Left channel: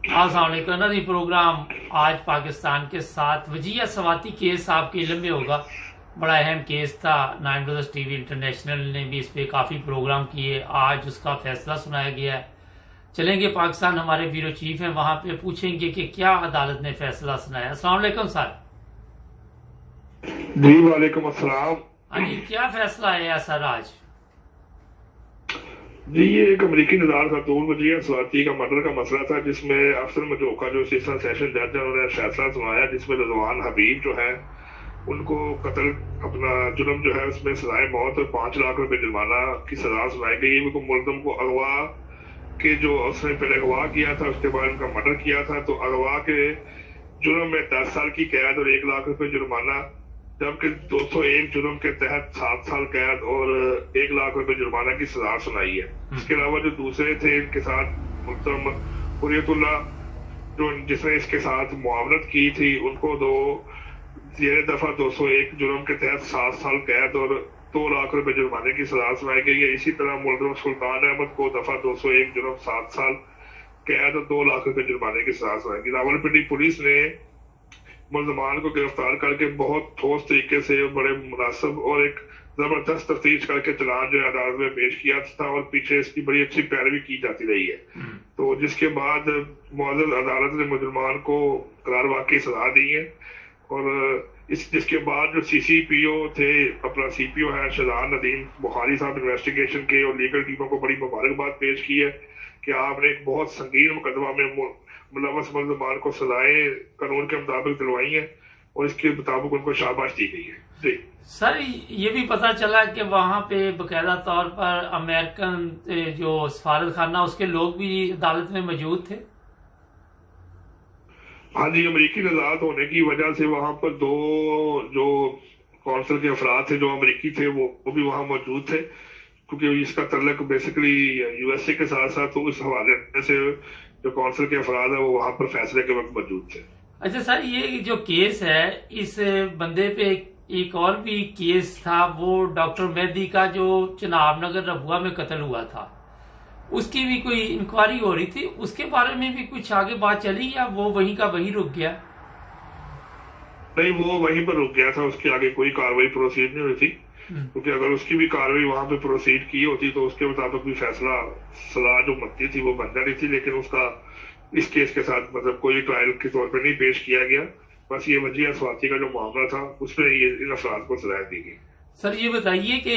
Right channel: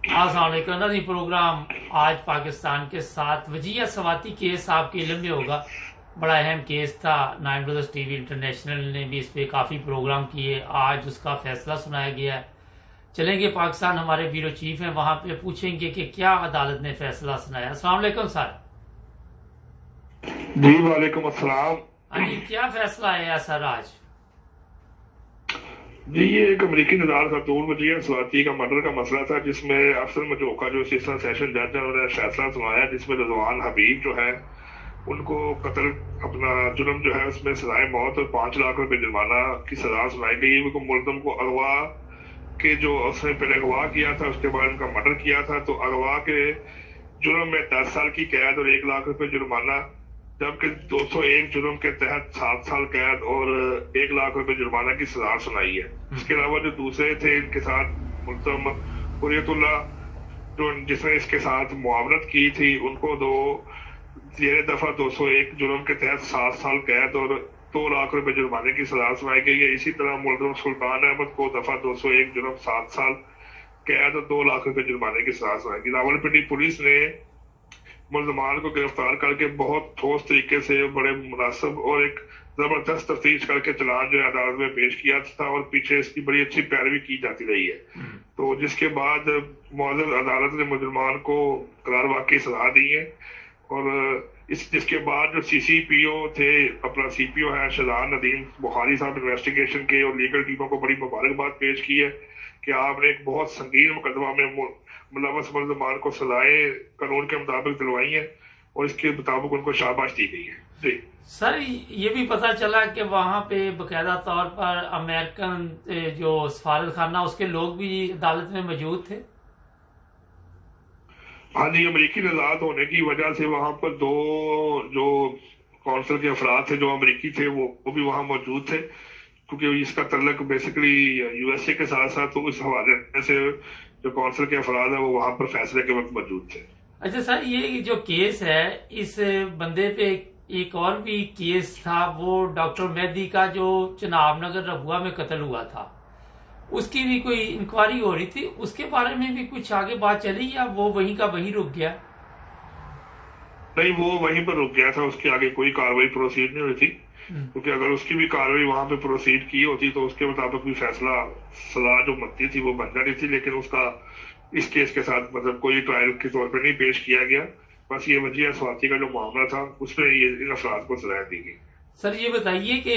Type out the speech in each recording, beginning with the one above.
अस्सलामुअलैकुम नदी प्रोग्राम आज पाकिस्तान के साथ वजीह सवाती केस आपके इल्म में होगा। बड़ा अहम केस था। 9 ब्रदर्स टीवी इंटरनेशनल ने भी इस पे काफ़ी प्रोग्राम किए। आज उसका फैसला सुनाया गया है। चलेंगे पाकिस्तान, हमारे ब्यूरो चीफ हैं, वहाँ पे पूछेंगे कि क्या अदालत ने फैसला सुनाया। अस्सलामुअलैकुम सर। जी वालेकुम अस्सलाम। हाँ जी, क्या फैसला आया सर आज? जी ये एक अमेरिकी निदान खातून वजीह स्वाति का मर्डर का मसला था, जिसमें अफसर मजोका जो असिस्टेंट सेशन जज है उन्होंने फैसला सुनाया, जिसमें रजवान हबीब जो है उनको कत्ल अपना जुर्म जो है उसमें सजाए मौत और 5 लाख रुपए जुर्माना की सजा सुनाई गई। उनको मुलजम को अगवा के जो उसने पहले अगवा किया था उसके बाद उनका मर्डर किया था, तो अगवा के जुर्म में 10 साल की कैद और 1 लाख रुपए जुर्माना, जबकि 201 जुर्म के तहत 7 साल कैद और 1 लाख रुपए जुर्माना की सजा सुनाई है। इसके अलावा जो दूसरे थे इनके साथ मुल्तम हुर्रियतुल्लाह जो जिसने इसके साथ मुआवनत की थी, उनको ये दफा 201 जुर्म के तहत 7 साल कैद और 2 लाख रुपए जुर्माने की सजा सुनाई गई है। इसी तरह मुल्जम सुल्तान अहमद को दफा 201 जुर्म 7 साल कैद और 2 लाख रुपए जुर्माने की सजा सुनाई गई। रावलपिंडी पुलिस ने मुलजमान को गिरफ्तार करके बहुत ठोस तरीके से बड़े मुनासिब और एक जबरदस्त तफ्तीश करके चालान जो है अदालत में पेश किया था और पीछे इसकी बड़ी अच्छी पैरवी की जाती रही है। तो जिसके बाद मुअज़्ज़ज़ अदालत ने मुजरमान को करार वाकई सजा दी है और जिसके बाद जो CCPO थे, अपना CPO है शहजाद नदीम बुखारी साहब, इन्वेस्टिगेशन के और लीगल टीमों को बड़ी मुबारकबाद पेश की है कि आपने एक बहुत संगीन मुकदमा में मुलव्वस मुलजमान को सजाएं कानून के मुताबिक दिलवाई है और इसके मुताबिक उनको शाबाश दी गई है। जी सर, ये भी पता चला कि वहाँ पे बकायदा तौर पर अमेरिकन जो सफारत खाना उसके लोग भी अदालत में मौजूद थे। हाँ जी, अमेरिकी नजात होने की वजह से वहाँ पर 2 जो कौंसल के अफराद थे जो अमेरिकी थे वो भी वहाँ मौजूद थे, क्योंकि इसका तल्लक बेसिकली USA के साथ साथ, तो इस हवाले से जो कौंसिल के अफराद है वो वहां पर फैसले के वक्त मौजूद थे। अच्छा सर, ये जो केस है इस बंदे पे एक और भी केस था, वो डॉक्टर मेहदी का जो चिनाब नगर रबुआ में कत्ल हुआ था, उसकी भी कोई इंक्वायरी हो रही थी, उसके बारे में भी कुछ आगे बात चली या वो वहीं का वहीं रुक गया? नहीं, वो वहीं पर रुक गया था, उसके आगे कोई कार्रवाई प्रोसीड नहीं हुई थी, क्योंकि अगर उसकी भी कार्रवाई वहां पे प्रोसीड की होती तो उसके मुताबिक भी फैसला सजा जो बनती थी वो बन जाती थी, लेकिन उसका इस केस के साथ मतलब कोई ट्रायल के तौर पर नहीं पेश किया गया। बस ये वजीह स्वाति का जो मामला था उसमें ये इन अफराद को सजा दी गई। सर ये बताइए कि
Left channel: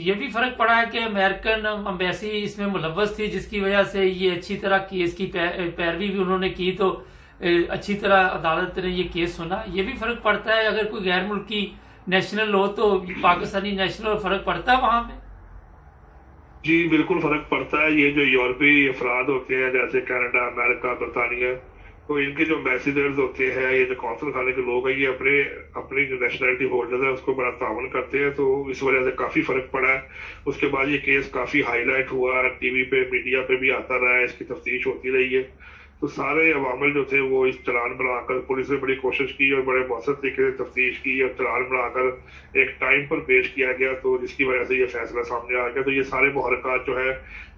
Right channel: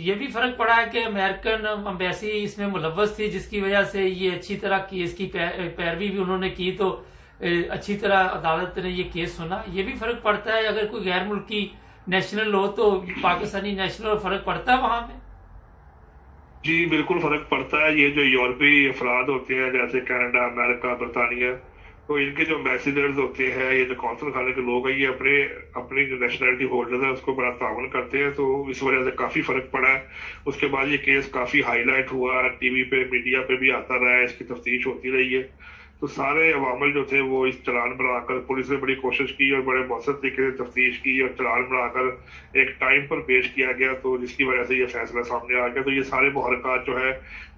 ये भी फर्क पड़ा है कि अमेरिकन एम्बेसी इसमें मुलव्वस थी, जिसकी वजह से ये अच्छी तरह केस की पैरवी भी उन्होंने की, तो अच्छी तरह अदालत ने ये केस सुना। ये भी फर्क पड़ता है, अगर कोई गैर मुल्की नेशनल हो तो पाकिस्तानी नेशनल फर्क पड़ता है वहां में? जी बिल्कुल फर्क पड़ता है। ये जो यूरोपीय अफराद होते हैं जैसे कनाडा, अमेरिका, बरतानिया, तो इनके जो एम्बेसडर्स होते हैं, ये जो कौंसल खाने के लोग हैं, ये अपनी जो नेशनलिटी होल्डर है उसको बड़ा तावन करते हैं, तो इस वजह से काफी फर्क पड़ा है। उसके बाद ये केस काफी हाईलाइट हुआ, टीवी पे मीडिया पे भी आता रहा है, इसकी तफ्तीश होती रही है, तो सारे अवामल जो थे वो इस चलान बनाकर, पुलिस ने बड़ी कोशिश की और बड़े मौसर तरीके से तफ्तीश की और चलान बनाकर एक टाइम पर पेश किया गया, तो जिसकी वजह से ये फैसला सामने आ गया। तो ये सारे मुहरकात जो है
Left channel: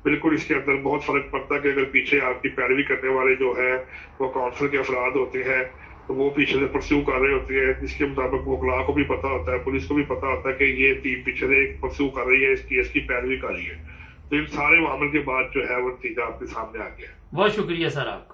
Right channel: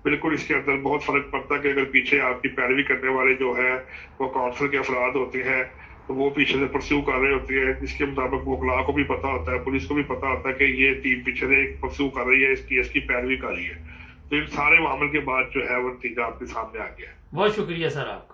बिल्कुल इसके अंदर बहुत फर्क पड़ता है कि अगर पीछे आपकी पैरवी करने वाले जो है वो काउंसिल के अफराद होते हैं तो वो पीछे से परस्यू कर रहे होते हैं, इसके मुताबिक वकला को भी पता होता है, पुलिस को भी पता होता है कि ये टीम पीछे से एक परस्यू कर रही है, इस केस की पैरवी कर रही है। तो इन सारे मामले के बाद जो है वो नतीजा आपके सामने आ गया। बहुत शुक्रिया सर आपका।